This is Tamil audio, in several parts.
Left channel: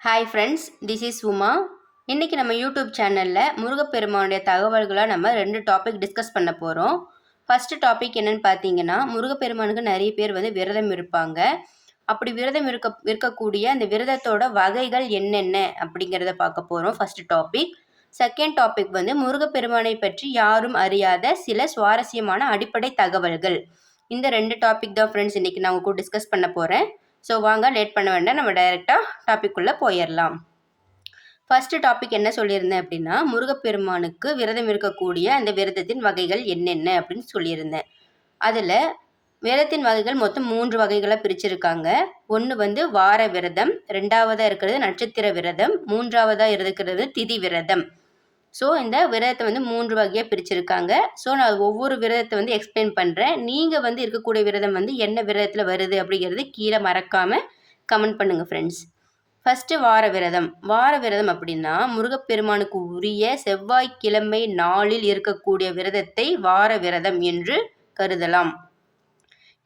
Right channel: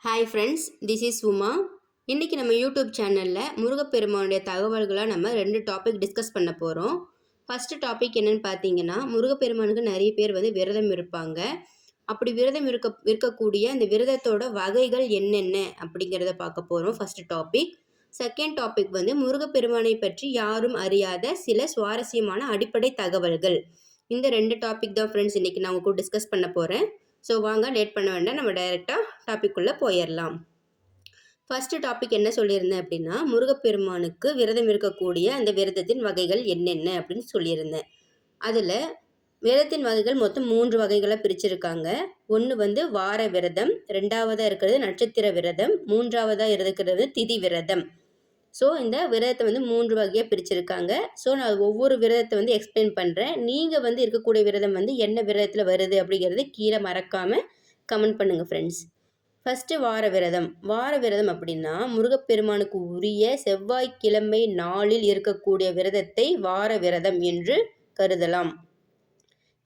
Hi friends this is Uma இன்றைக்கி நம்ம யூடியூப் சேனலில் முருகப்பெருமானுடைய தகவல்களாக நம்ம ரெண்டு டாபிக் டிஸ்கஸ் பண்ண போகிறோம் ஃபஸ்ட்டு டாபிக் என்னென்னு பார்த்தீங்கன்னா முருகப்பெருமானுக்கு நிறைய பேர் வந்து விரதம் இருப்பாங்க. அப்படி விரதம் இருக்க இருக்கக்கூடிய அந்த விரதத்தோட வகைகள் என்னென்ன அப்படிங்கிறத பார்க்க போகிறோம் ஃபஸ்ட்டு டாபிக் செகண்ட் டாபிக் வந்து முருகப்பெருமானை பற்றி யாரும் அறியாத சில சுவாரஸ்யமான அடிப்படை தகவல்கள். இந்த ரெண்டு டாபிக் தான் ஃப்ரெண்ட்ஸ் இன்றைக்கி நான் உங்க கூட டிஸ்கஸ் பண்ண போகிறேன் ஸோ வாங்க லேட் பண்ண வேண்டாம். நம்ம டைரெக்டாக டாபிக்குள்ளே போயிடலாம் ஃபஸ்ட்டு டாபிக் என்ன சொல்லியிருந்தேன் அப்படின்னா முருகப்பெருமானுக்கு விரதம் இருக்கக்கூடிய அந்த விரதத்தின் வகைகள் என்னென்ன அப்படின்னு சொல்லியிருந்தேன். அதில் விரதத்தின் வகைகள் மொத்தம் மூன்று வகைகளாக பிரிச்சிருக்காங்க. ஒன்று வந்து வார விரதம் ரெண்டாவதாக இருக்கிறது நட்சத்திர விரதம் மூன்றாவதாக இருக்கிறது திதி விரதம். ஸோ இந்த விரதத்தை வந்து மூன்று வகையாக பிரிச்சிருக்காங்க. ஸோ நான் ஒவ்வொரு விரதத்தை வந்து எக்ஸ்பிளைன் பண்ணுறேன் நீங்கள் வந்து இருக்கக்கூடிய விரதம் வந்து என்ன விரதத்தில் வருது அப்படிங்கிறது கீழே மறக்காமல் கமெண்ட் பண்ணுங்கள் ஃப்ரெண்ட்ஸ் ஃபஸ்ட்டு வார விரதம். வார விரதம் அப்படின்னா முருகப்பெருமானுக்கு உரிய செவ்வாய்க்கிழமை நாளில் இருக்கக்கூடிய விரதத்தை வார விரதம் என்று கருதலாம்.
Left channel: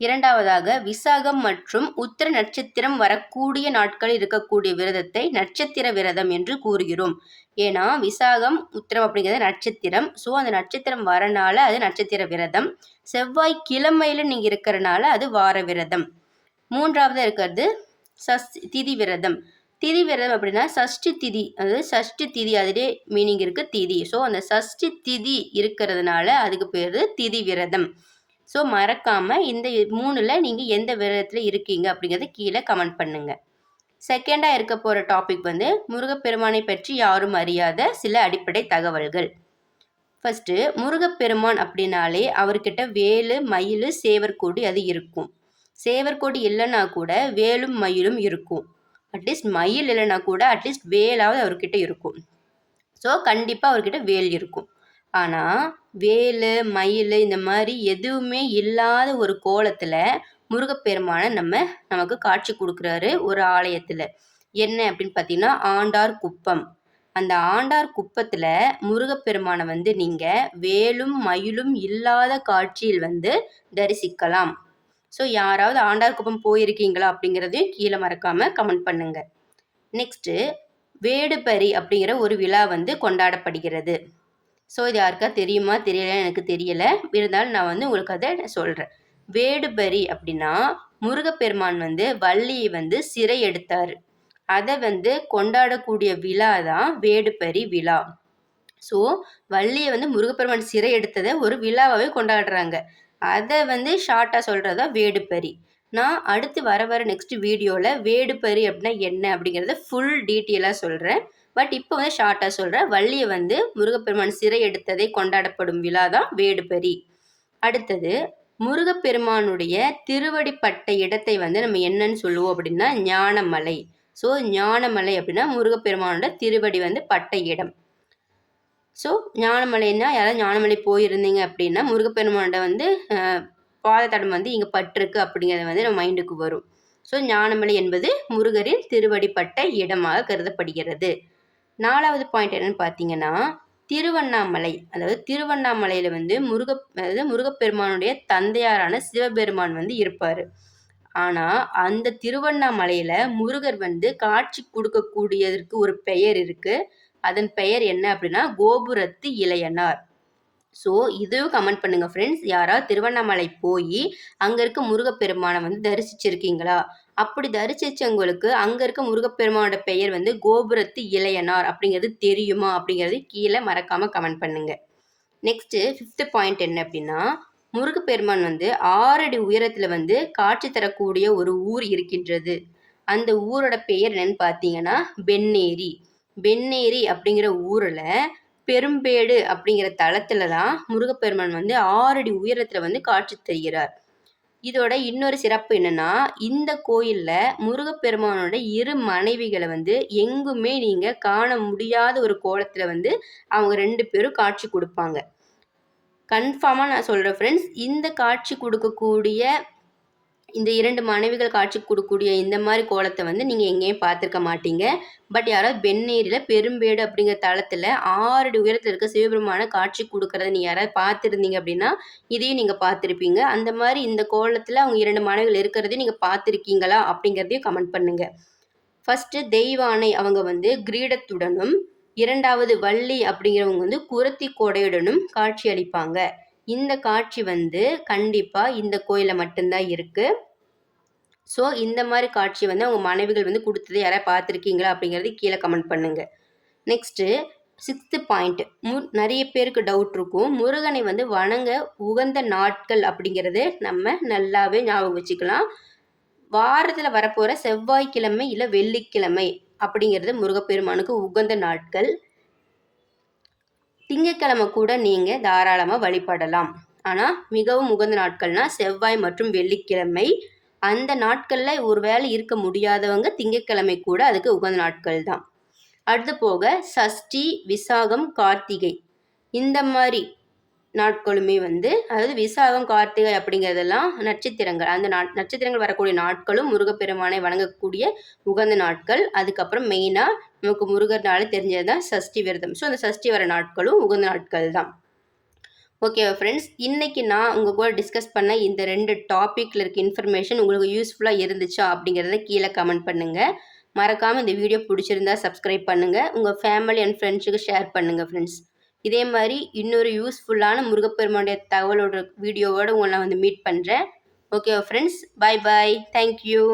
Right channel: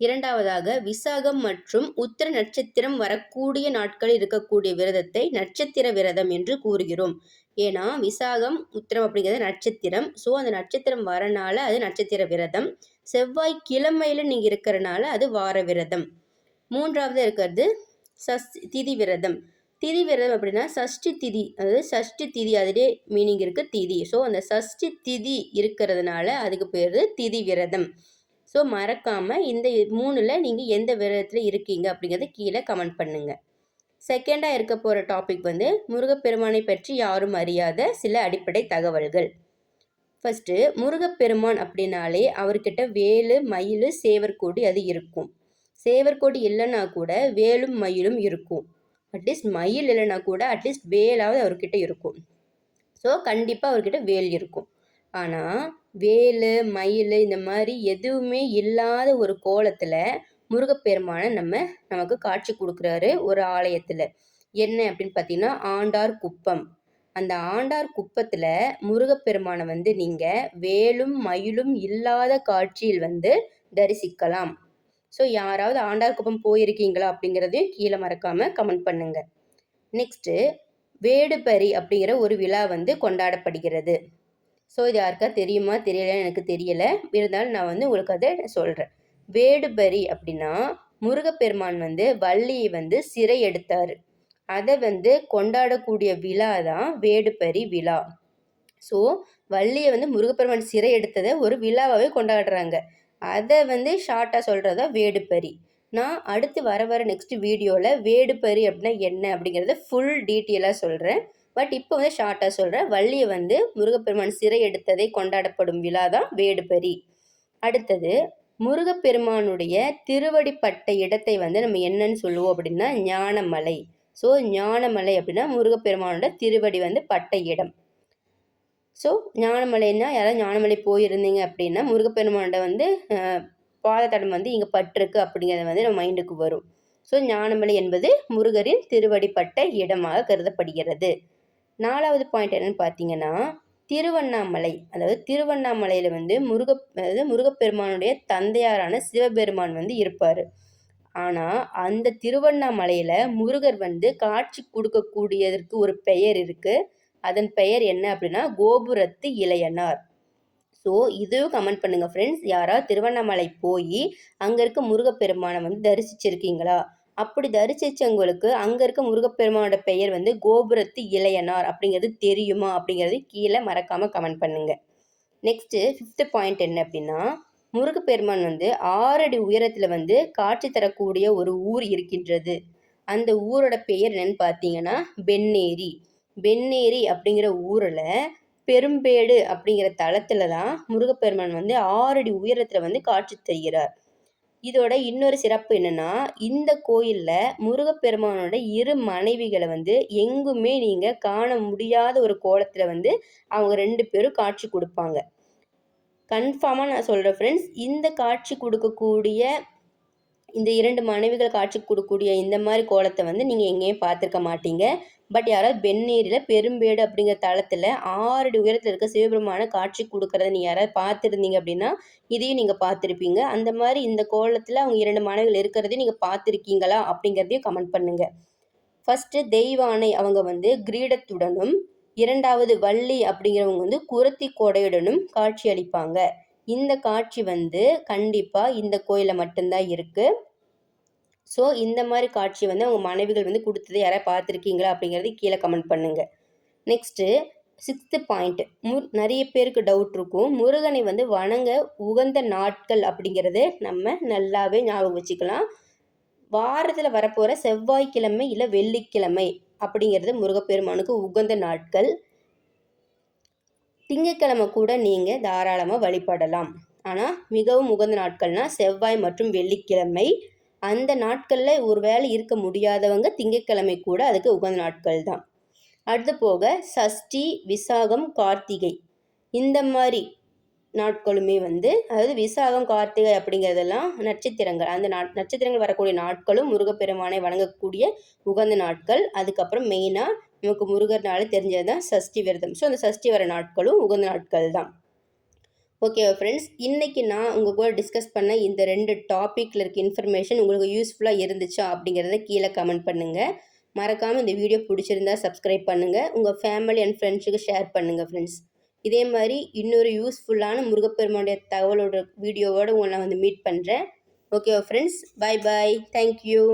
இரண்டாவதாக விசாகம் மற்றும் உத்திர நட்சத்திரம் வரக்கூடிய நாட்களில் இருக்கக்கூடிய விரதத்தை நட்சத்திர விரதம் என்று கூறுகிறோம். ஏன்னா விசாகம் உத்திரம் அப்படிங்கிறது நட்சத்திரம். ஸோ அந்த நட்சத்திரம் வரனால அது நட்சத்திர விரதம். செவ்வாய் கிழமையில் நீங்கள் இருக்கிறனால அது வார விரதம். மூன்றாவது இருக்கிறது சஸ் திதி விரதம். திதி விரதம் அப்படின்னா சஷ்டி திதி. அதாவது சஷ்டி திதி அதிலே மீனிங் இருக்குது திதி. ஸோ அந்த சஷ்டி திதி இருக்கிறதுனால அதுக்கு பேர் திதி விரதம். ஸோ மறக்காமல் இந்த மூணில் நீங்கள் எந்த விரதத்தில் இருக்கீங்க அப்படிங்கிறத கீழே கமெண்ட் பண்ணுங்கள் செகண்டாக இருக்க போகிற டாபிக் வந்து முருகப்பெருமானை பற்றி யாரும் அறியாத சில அடிப்படை தகவல்கள். ஃபஸ்ட்டு முருகப்பெருமான் அப்படின்னாலே அவர்கிட்ட வேலு மயில் சேவர்கோடி அது இருக்கும். சேவர்கோடி இல்லைன்னா கூட வேலும் மயிலும் இருக்கும். அட்லீஸ்ட் மயில் இல்லைன்னா கூட அட்லீஸ்ட் வேலாவது அவர்கிட்ட இருக்கும். ஸோ கண்டிப்பாக அவர்கிட்ட வேல் இருக்கும். ஆனால் வேல் மயில் இந்த மாதிரி எதுவுமே இல்லாத ஒரு கோலத்தில் முருகப்பெருமானை நம்ம நமக்கு காட்சி கொடுக்குறாரு ஒரு ஆலயத்தில். என்ன அப்படின்னு பார்த்தீங்கன்னா ஆண்டார் குப்பம். அந்த ஆண்டார் குப்பத்தில் முருகப்பெருமானை வந்து நீங்கள் வேலும் மயிலும் இல்லாத காட்சியில் வந்து தரிசிக்கலாம். ஸோ யாராவது ஆண்டார் குப்பம் போயிருக்கீங்களா அப்படிங்கிறதையும் கீழே மறக்காமல் கமெண்ட் பண்ணுங்கள் நெக்ஸ்ட்டு வேடுபரி அப்படிங்கிற ஒரு விழா வந்து கொண்டாடப்படுகிறது. ஸோ இது யாருக்கா தெரியுமா? தெரியல எனக்கு தெரியலை. இருந்தாலும் நான் வந்து உங்களுக்கு அதை சொல்கிறேன் வேடுபரி அப்படின்னா முருகப்பெருமான் வந்து வள்ளியை வந்து சிறை எடுத்தார். அதை வந்து கொண்டாடக்கூடிய விழா தான் வேடுபரி விழா. ஸோ வள்ளியை வந்து முருகப்பெருமான் சிறை எடுத்ததை ஒரு விழாவாகவே கொண்டாடுறாங்க. அதை வந்து ஷார்ட்டாக சொல்கிறதா வேடுபரி. நான் அடுத்து வர வர நெக்ஸ்ட் வீடியோவில் வேடுபரி அப்படின்னா என்ன அப்படிங்கிறத ஃபுல் டீட்டெயிலாக சொல்கிறேன் பட் இப்போ வந்து ஷார்ட்டாக சொல்கிறேன் வள்ளியை வந்து முருகப்பெருமான் சிறை எடுத்ததை கொண்டாடப்படும் விழா தான் வேடுபரி. அடுத்தது முருகப்பெருமானுடைய திருவடிப்பட்ட இடத்தை வந்து நம்ம என்னன்னு சொல்லுவோம் அப்படின்னா ஞானமலை. ஸோ ஞானமலை அப்படின்னா முருகப்பெருமானோட திருவடி வந்து பட்ட இடம். ஸோ ஞானமலைன்னா யாராவது ஞானமலை போயிருந்தீங்க அப்படின்னா முருகப்பெருமானோட வந்து பாதத்தடம் வந்து இங்கே பட்டிருக்கு அப்படிங்கிறது வந்து நம்ம மைண்டுக்கு வரும். ஸோ ஞானமலை என்பது முருகரின் திருவடிப்பட்ட இடமாக கருதப்படுகிறது. நாலாவது பாயிண்ட் என்னன்னு பார்த்தீங்கன்னா திருவண்ணாமலை. அதாவது திருவண்ணாமலையில் வந்து முருக அதாவது முருகப்பெருமானுடைய தந்தையாரான சிவபெருமான் வந்து இருப்பார். ஆனால் அந்த திருவண்ணாமலையில் முருகர் வந்து காட்சி கொடுக்கக்கூடியதற்கு ஒரு பெயர் இருக்குது அதன் பெயர் என்ன அப்படின்னா கோபுரத்து இளையனார். ஸோ இதுவும் கமெண்ட் பண்ணுங்கள் ஃப்ரெண்ட்ஸ் யாராவது திருவண்ணாமலை போய் அங்கே இருக்க முருகப்பெருமானை வந்து தரிசிச்சிருக்கீங்களா? அப்படி தரிசிச்சவங்களுக்கு அங்கே இருக்க முருகப்பெருமானோட பெயர் வந்து கோபுரத்து இளையனார் அப்படிங்கிறது தெரியுமா அப்படிங்கிறது கீழே மறக்காமல் கமெண்ட் பண்ணுங்கள் நெக்ஸ்ட்டு ஃபிஃப்த்து பாயிண்ட் என்ன அப்படின்னா முருகப்பெருமான் வந்து ஆறடி உயரத்தில் வந்து காட்சி தரக்கூடிய ஒரு ஊர் இருக்கின்றது. அந்த ஊரோட பெயர் என்னன்னு பார்த்தீங்கன்னா பென்னேரி பென்னேரி அப்படிங்கிற ஊரில் பெரும்பேடு அப்படிங்கிற தளத்துல தான் முருகப்பெருமான் வந்து ஆறடி உயரத்தில் வந்து காட்சி தருகிறார். இதோட இன்னொரு சிறப்பு என்னன்னா இந்த கோயிலில் முருகப்பெருமானோட இரு மனைவிகளை வந்து எங்குமே நீங்கள் காண முடியாத ஒரு கோலத்தில் வந்து அவங்க ரெண்டு பேரும் காட்சி கொடுப்பாங்க. கன்ஃபார்மாக நான் சொல்கிறேன் ஃப்ரெண்ட்ஸ் இந்த காட்சி கொடுக்கக்கூடிய இந்த இரண்டு மனைவிகள் காட்சி கொடுக்கக்கூடிய இந்த மாதிரி கோலத்தை வந்து நீங்கள் எங்கேயும் பார்த்துருக்க மாட்டீங்க. பட் யாராவது வெந்நீரில் பெரும்பேடு அப்படிங்கிற தளத்தில் ஆறடி உயரத்தில் இருக்க சிவபெருமான காட்சி கொடுக்குறத நீங்கள் யாராவது பார்த்துருந்தீங்க அப்படின்னா இதையும் நீங்கள் பார்த்துருப்பீங்க. அந்த மாதிரி இந்த கோலத்தில் அவங்க இரண்டு மனைவிகள் இருக்கிறதையும் நீங்கள் பார்த்துருக்கீங்களா அப்படிங்கிறதையும் கமெண்ட் பண்ணுங்கள் ஃபஸ்ட்டு தெய்வானை அவங்க வந்து கிரீடத்துடனும் இரண்டாவது வள்ளி அப்படிங்கிறவங்க வந்து குரத்தி கொடையுடனும் காட்சி அளிப்பாங்க. இந்த காட்சி வந்து கண்டிப்பாக இந்த கோயிலில் மட்டும்தான் இருக்குது ஸோ இந்த மாதிரி காட்சி வந்து அவங்க மனைவிகள் வந்து கொடுத்தது யாராவது பார்த்துருக்கீங்களா அப்படிங்கிறது கீழே கமெண்ட் பண்ணுங்கள் நெக்ஸ்ட்டு சிக்ஸ்த்து பாயிண்ட் மு நிறைய பேருக்கு டவுட் இருக்கும். முருகனை வந்து வணங்க உகந்த நாட்கள் அப்படிங்கிறது நம்ம நல்லாவே ஞாபகம் வச்சுக்கலாம். வாரத்தில் வரப்போகிற செவ்வாய்க்கிழமை இல்லை வெள்ளிக்கிழமை அப்படிங்கிறது முருகப்பெருமானுக்கு உகந்த நாட்கள். திங்கக்கிழமை கூட நீங்கள் தாராளமாக வழிபடலாம். ஆனால் மிகவும் உகந்த நாட்கள்னால் செவ்வாய் மற்றும் வெள்ளிக்கிழமை. அந்த நாட்களில் ஒரு வேலை இருக்க முடியாதவங்க திங்கக்கிழமை கூட அதுக்கு உகந்த நாட்கள் தான். அடுத்து போக சஷ்டி விசாகம் கார்த்திகை. இந்த மாதிரி நாட்களுமே வந்து அதாவது விசாகம் கார்த்திகை அப்படிங்கிறதெல்லாம் நட்சத்திரங்கள். அந்த நா நட்சத்திரங்கள் வரக்கூடிய நாட்களும் முருகப்பெருமானை வணங்கக்கூடிய உகந்த நாட்கள். அதுக்கப்புறம் மெயினாக நமக்கு முருகர்னால தெரிஞ்சது தான் சஷ்டி விரதம். ஸோ அந்த சஷ்டி வர நாட்களும் உகந்த நாட்கள் தான் ஓகேவா ஃப்ரெண்ட்ஸ் இன்றைக்கி நான் உங்கள் கூட டிஸ்கஸ் பண்ண இந்த ரெண்டு டாப்பிக்கில் இருக்க இன்ஃபர்மேஷன் உங்களுக்கு யூஸ்ஃபுல்லாக இருந்துச்சா அப்படிங்கிறத கீழே கமெண்ட் பண்ணுங்கள் மறக்காமல் இந்த வீடியோ பிடிச்சிருந்தா சப்ஸ்கிரைப் பண்ணுங்கள் உங்கள் ஃபேமிலி அண்ட் ஃப்ரெண்ட்ஸுக்கு ஷேர் பண்ணுங்கள் ஃப்ரெண்ட்ஸ் இதே மாதிரி இன்னொரு யூஸ்ஃபுல்லான முருகப்பெருமானுடைய தகவலோட வீடியோவோடு உங்களை நான் வந்து மீட் பண்ணுறேன் okay friends bye bye thank you